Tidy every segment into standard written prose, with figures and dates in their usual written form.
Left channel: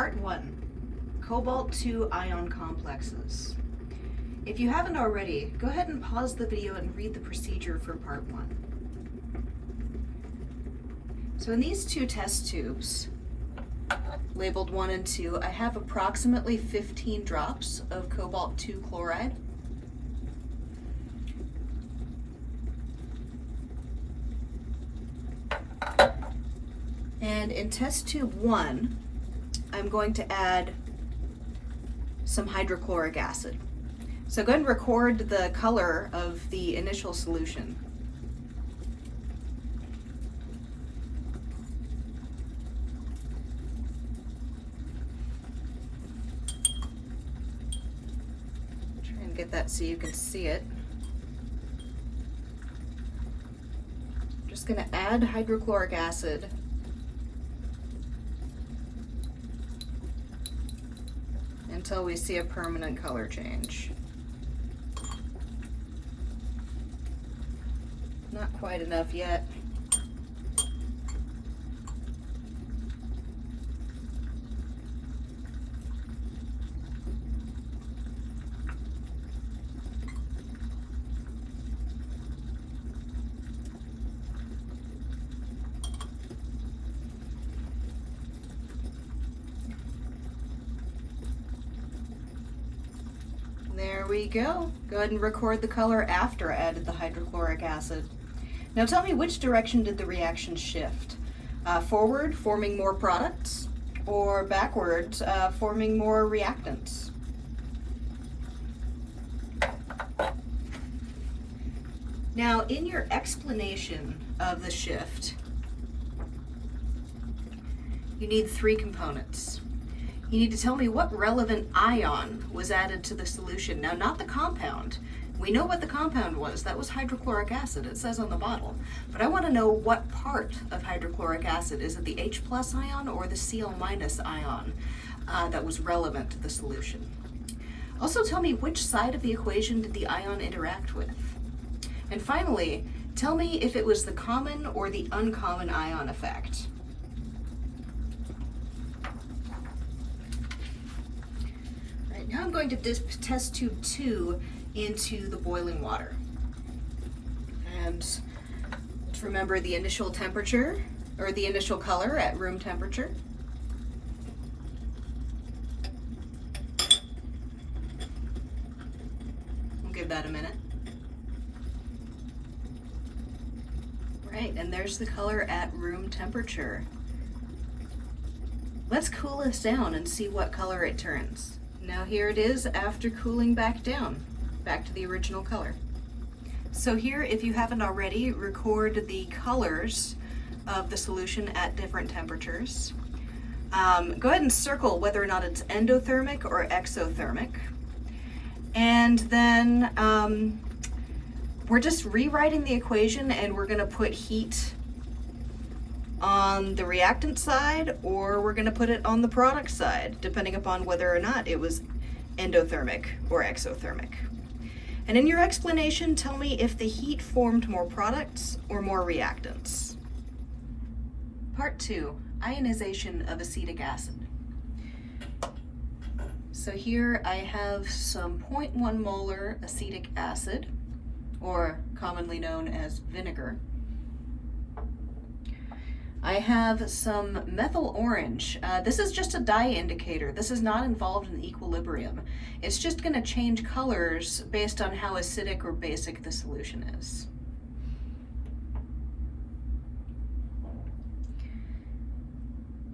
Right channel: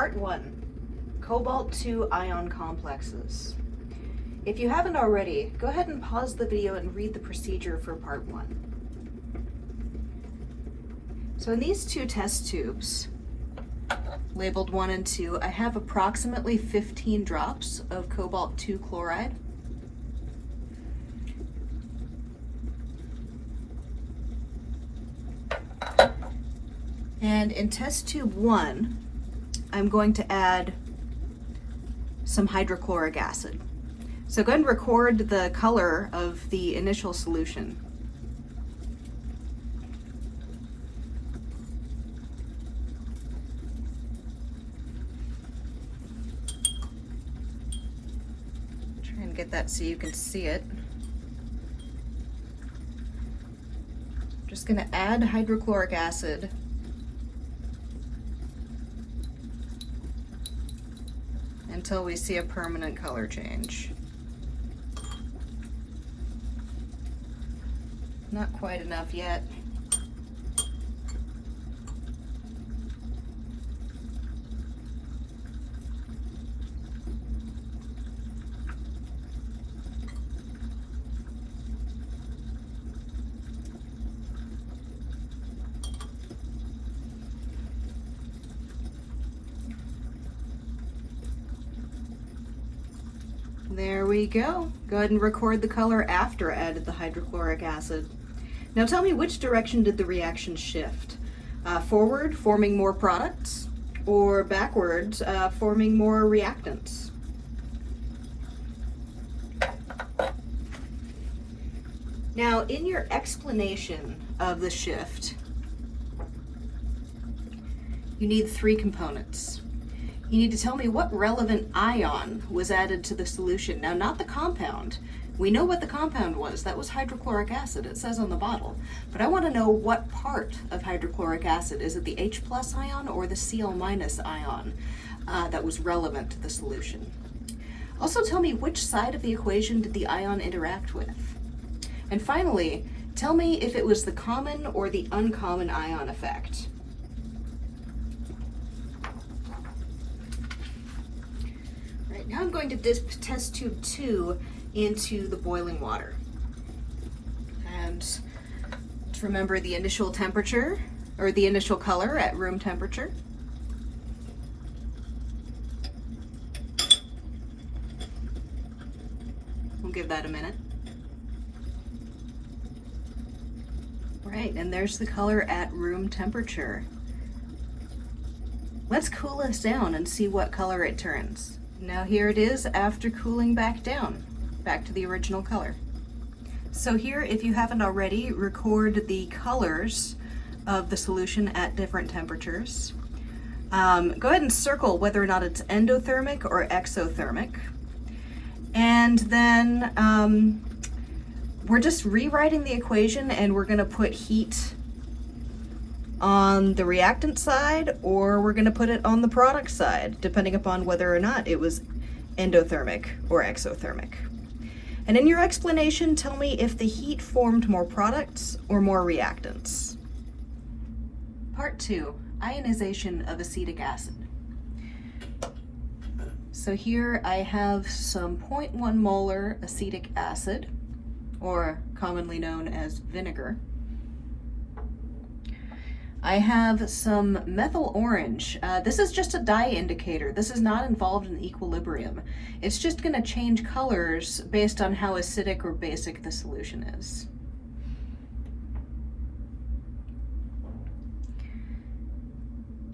Part 1, Cobalt-2 ion complexes. If you haven't already, go ahead and pause the video and read the procedure for Part 1. So in these two test tubes, labeled 1 and 2, I have approximately 15 drops of cobalt-2 chloride. And in test tube 1, I'm going to add some hydrochloric acid. So go ahead and record the color of the initial solution. Try and get that so you can see it. I'm just going to add hydrochloric acid until we see a permanent color change. Not quite enough yet. There we go. Go ahead and record the color after I added the hydrochloric acid. Now tell me, which direction did the reaction shift? Forward, forming more products, or backwards, forming more reactants? Now, in your explanation of the shift, you need 3 components. You need to tell me what relevant ion was added to the solution. Now, not the compound. We know what the compound was. That was hydrochloric acid. It says on the bottle. But I want to know what part of hydrochloric acid. Is it the H+ ion or the Cl- ion that was relevant to the solution? Also tell me, which side of the equation did the ion interact with? And finally, tell me if it was the common or the uncommon ion effect. Right, now I'm going to dip test tube 2 into the boiling water. And to remember the initial temperature, or the initial color at room temperature. We'll give that a minute. Right, and there's the color at room temperature. Let's cool this down and see what color it turns. Now here it is after cooling back down, back to the original color. So here, if you haven't already, record the colors of the solution at different temperatures. Go ahead and circle whether or not it's endothermic or exothermic. And then we're just rewriting the equation, and we're gonna put heat on the reactant side, or we're gonna put it on the product side, depending upon whether or not it was endothermic or exothermic. And in your explanation, tell me if the heat formed more products or more reactants. Part 2, ionization of acetic acid. So here I have some 0.1 molar acetic acid, or commonly known as vinegar. I have some methyl orange. This is just a dye indicator. This is not involved in equilibrium. It's just going to change colors based on how acidic or basic the solution is.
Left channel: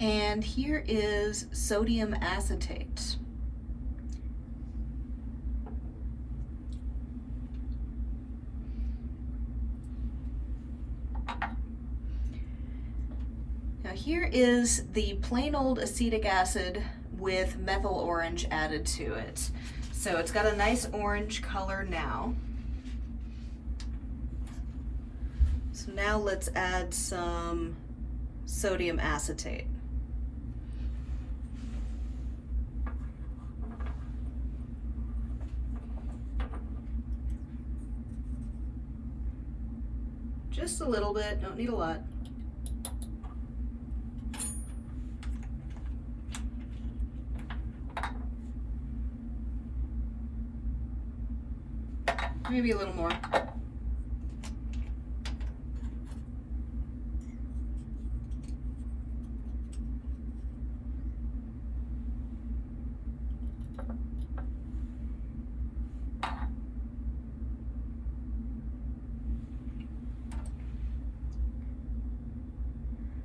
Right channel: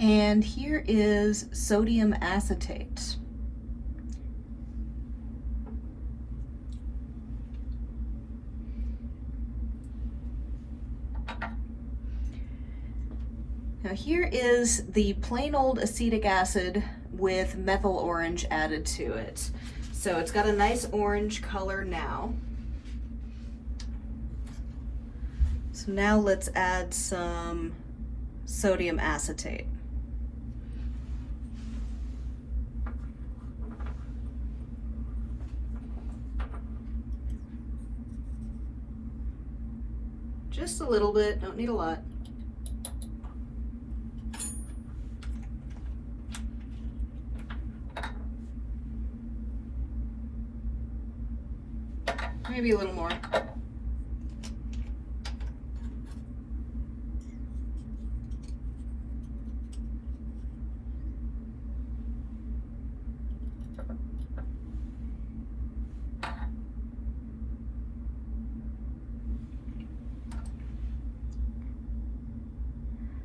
And here is sodium acetate. Now here is the plain old acetic acid with methyl orange added to it. So it's got a nice orange color now. So now let's add some sodium acetate. Just a little bit, don't need a lot. Maybe a little more.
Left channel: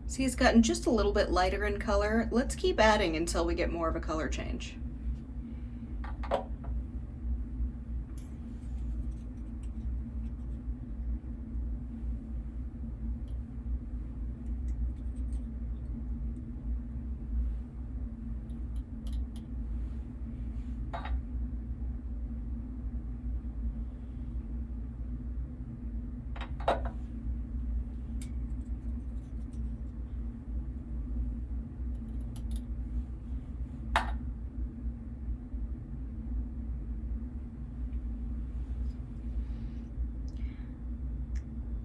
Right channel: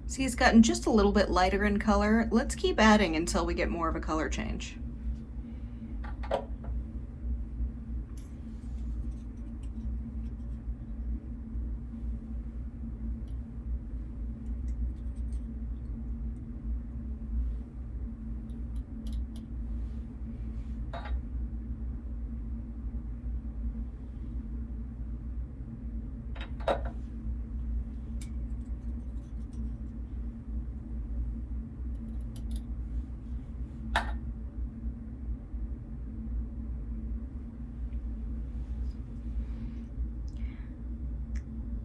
See, it's gotten just a little bit lighter in color. Let's keep adding until we get more of a color change.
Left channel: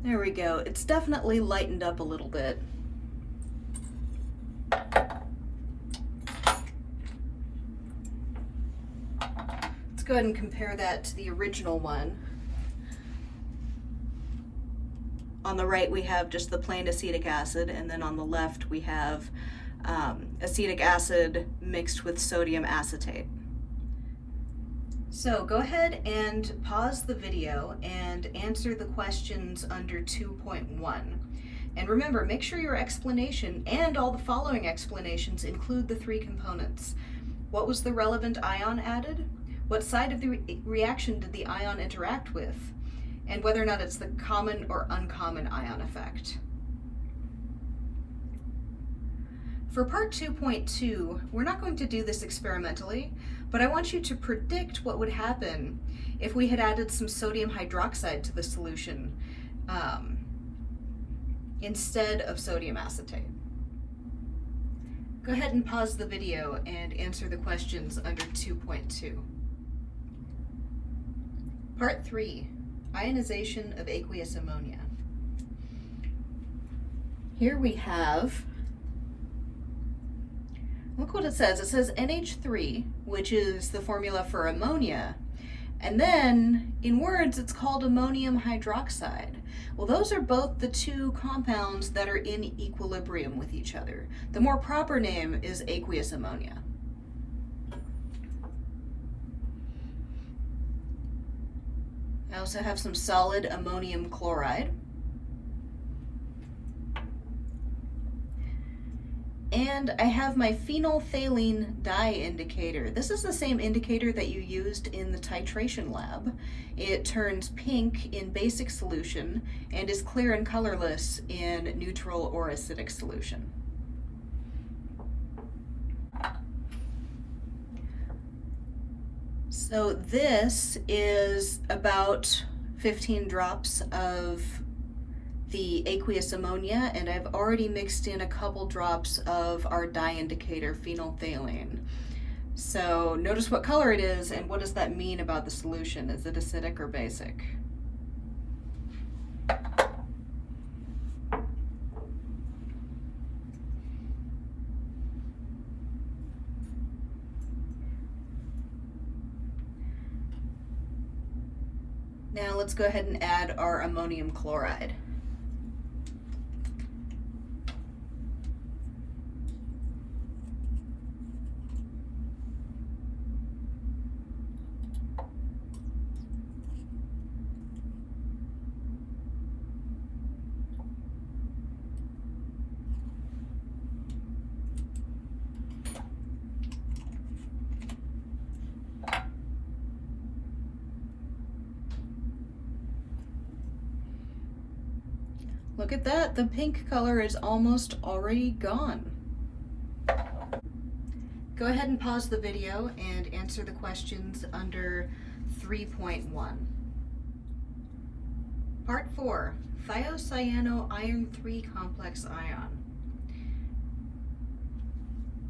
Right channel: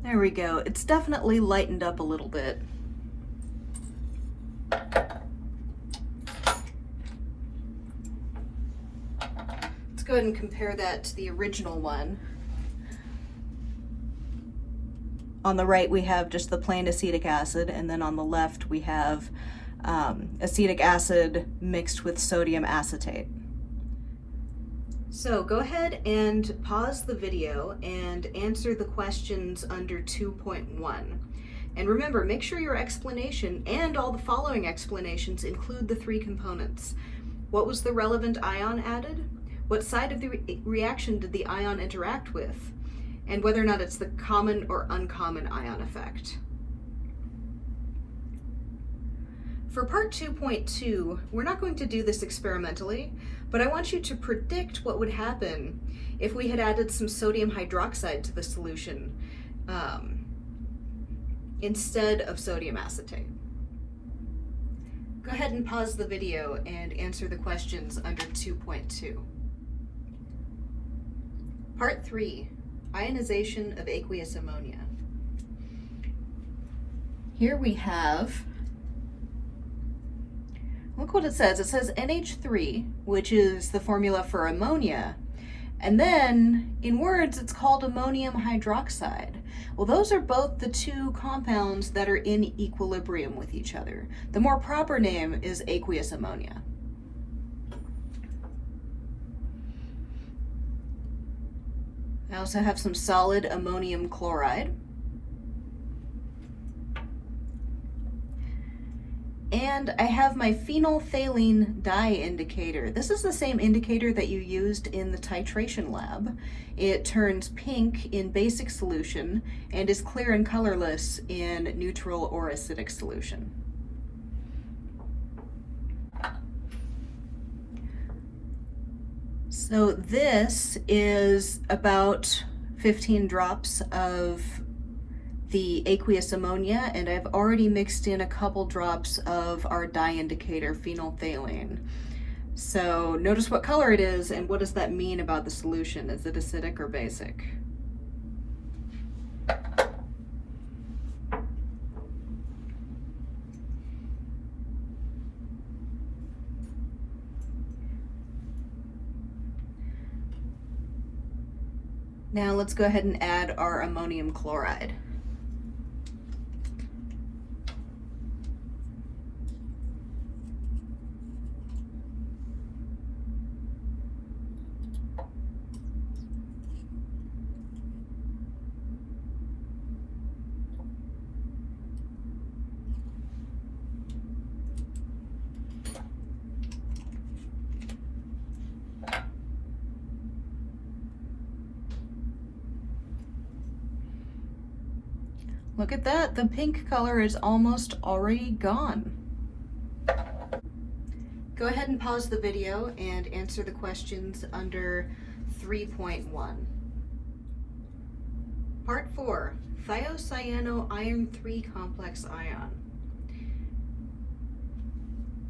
There we go. It's definitely lightened up a little bit. Let's go ahead and compare that to the original one. On the right we have just the plain acetic acid, and then on the left we have acetic acid mixed with sodium acetate. So go ahead and pause the video and answer the questions under 2.1. And remember, make sure your explanation and all the following explanations include the three components. What was the relevant ion added? What side of the reaction did the ion interact with? And whether or not it's the common or uncommon ion effect. For part 2.2, we're not going to do this experimentally, but I want you to predict what would happen if we had added some sodium hydroxide to the solution instead of sodium acetate. Go ahead and pause the video and answer the questions under 2.2. Part 3, ionization of aqueous ammonia. Here we have, look what it says. It says NH3, which is the formula for ammonia. And then in words, it's called ammonium hydroxide. Well, those are both the two compounds that are in equilibrium with each other. The more proper name is aqueous ammonia. I also have some solid ammonium chloride. And I have my phenolphthalein dye indicator. This is the same indicator that you used in the titration lab. It turns pink in basic solution and is clear and colorless in neutral or acidic solution. So this is about 15 drops of the aqueous ammonia, and I've already mixed in a couple drops of our dye indicator, phenolphthalein. So notice what color it is, and what does that mean about the solution? Is it acidic or basic? Now let's go ahead and add our ammonium chloride. Look at that, the pink color is almost already gone. Go ahead and pause the video and answer the questions under 3.1. Part 4, thiocyano iron 3 complex ion.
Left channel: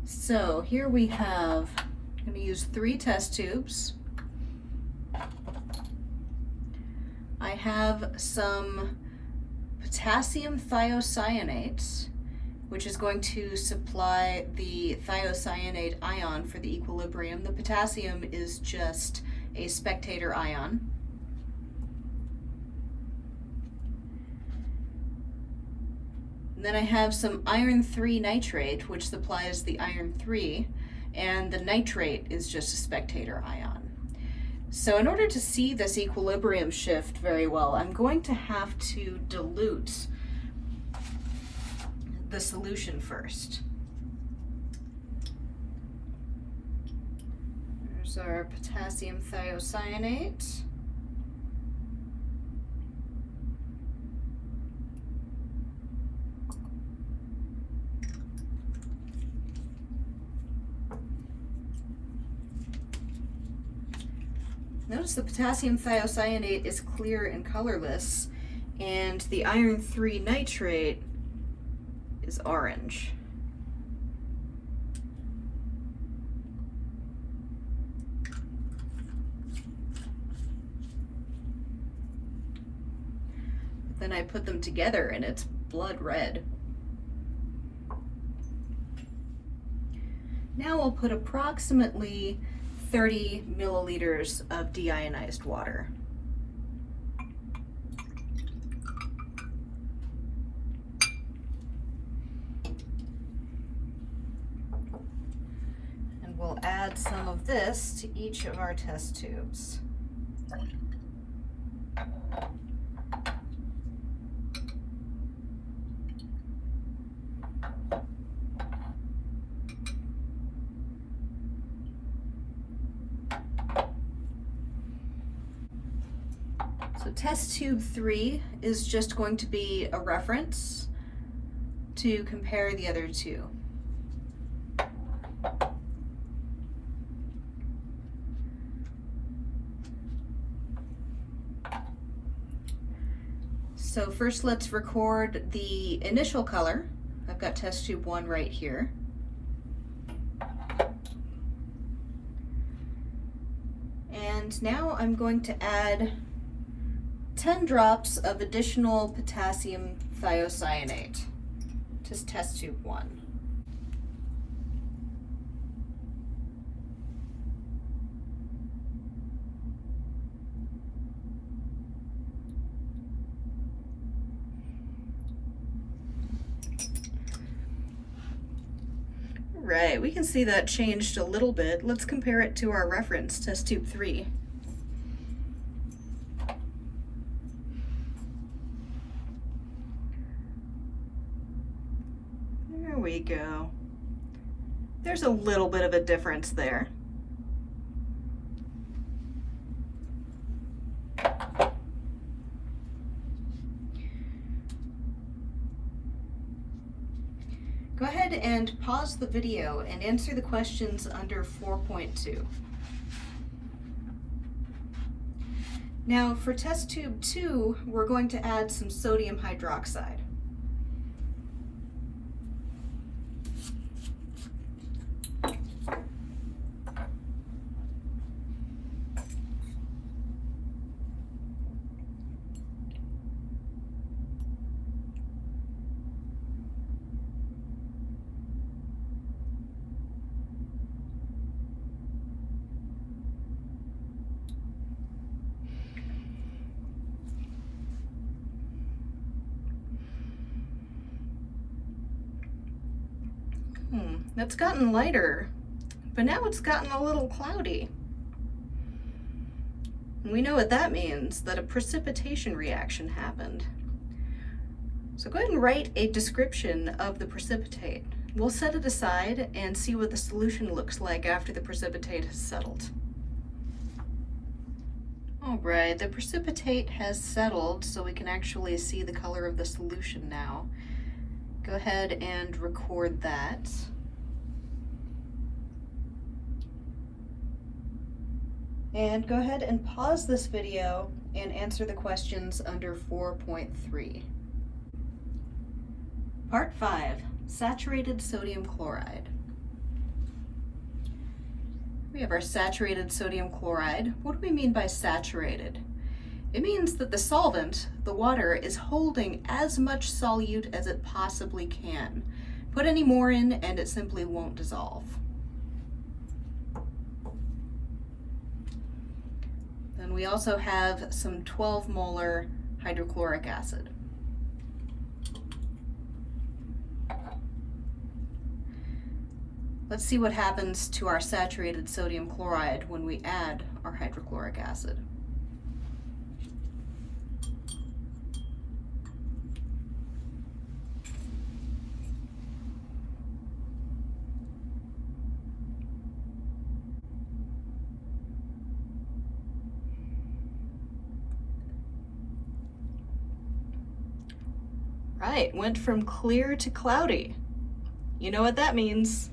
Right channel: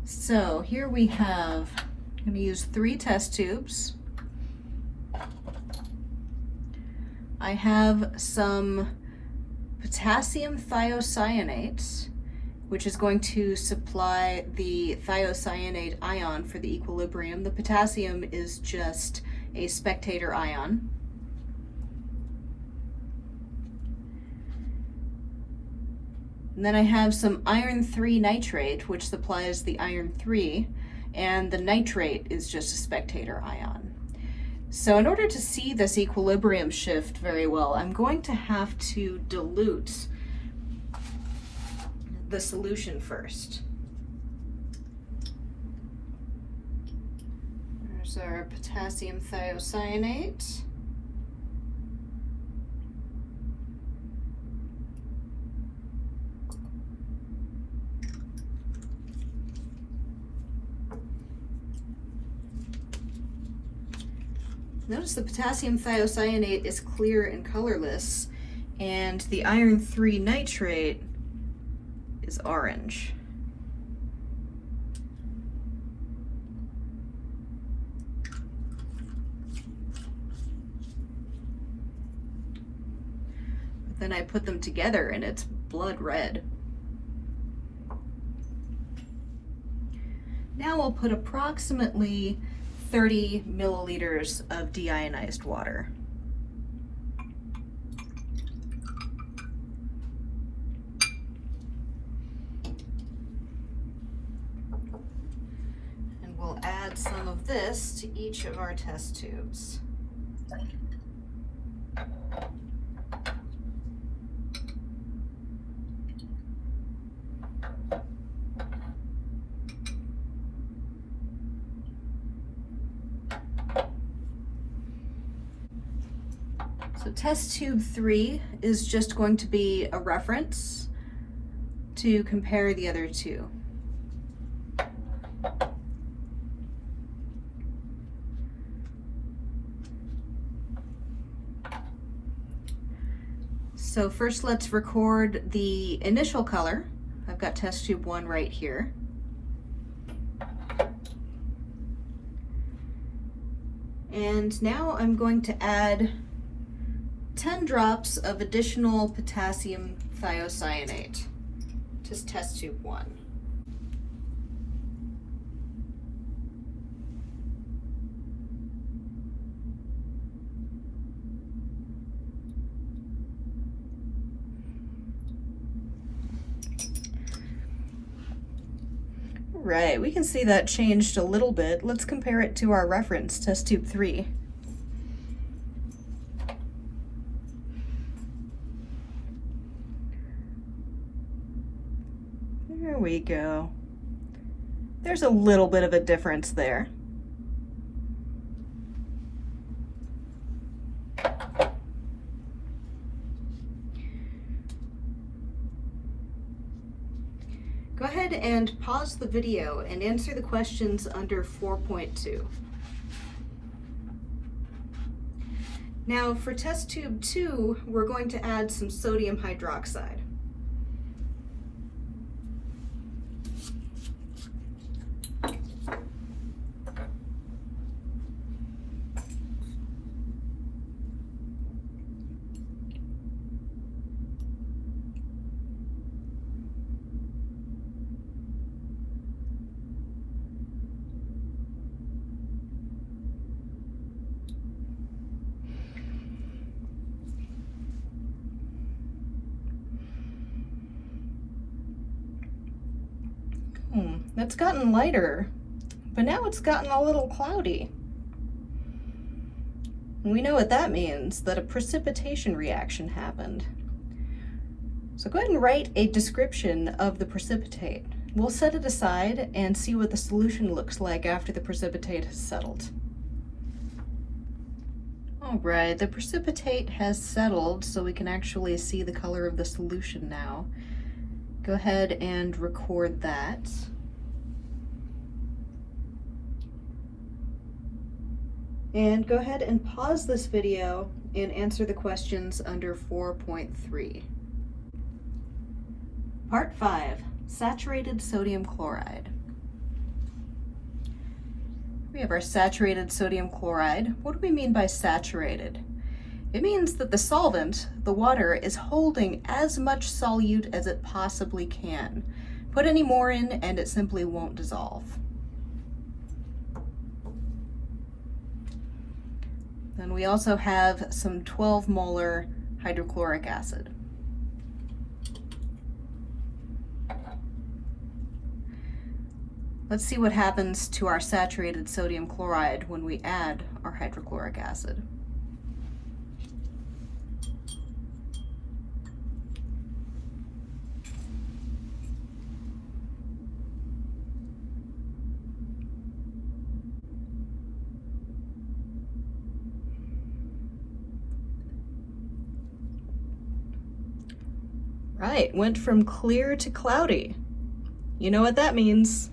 So here we have, I'm going to use 3 test tubes. I have some potassium thiocyanate, which is going to supply the thiocyanate ion for the equilibrium. The potassium is just a spectator ion. And then I have some iron 3 nitrate, which supplies the iron 3, and the nitrate is just a spectator ion. So in order to see this equilibrium shift very well, I'm going to have to dilute the solution first. There's our potassium thiocyanate. Notice the potassium thiocyanate is clear and colorless, and the iron 3 nitrate is orange. Then I put them together and it's blood red. Now I'll put approximately 30 milliliters of deionized water. And we'll add some of this to each of our test tubes. So test tube 3 is just going to be a reference to compare the other two. So first let's record the initial color. I've got test tube 1 right here. And now I'm going to add 10 drops of additional potassium thiocyanate to test tube 1. Right, we can see that changed a little bit. Let's compare it to our reference, test tube 3. There we go. There's a little bit of a difference there. Go ahead and pause the video and answer the questions under 4.2. Now for test tube 2, we're going to add some sodium hydroxide. It's gotten lighter, but now it's gotten a little cloudy. And we know what that means, that a precipitation reaction happened. So go ahead and write a description of the precipitate. We'll set it aside and see what the solution looks like after the precipitate has settled. All right, the precipitate has settled, so we can actually see the color of the solution now. Go ahead and record that. And go ahead and pause this video and answer the questions under 4.3. Part 5, saturated sodium chloride. We have our saturated sodium chloride. What do we mean by saturated? It means that the solvent, the water, is holding as much solute as it possibly can. Put any more in and it simply won't dissolve. Then we also have some 12 molar hydrochloric acid. Let's see what happens to our saturated sodium chloride when we add our hydrochloric acid. Right, went from clear to cloudy. You know what that means.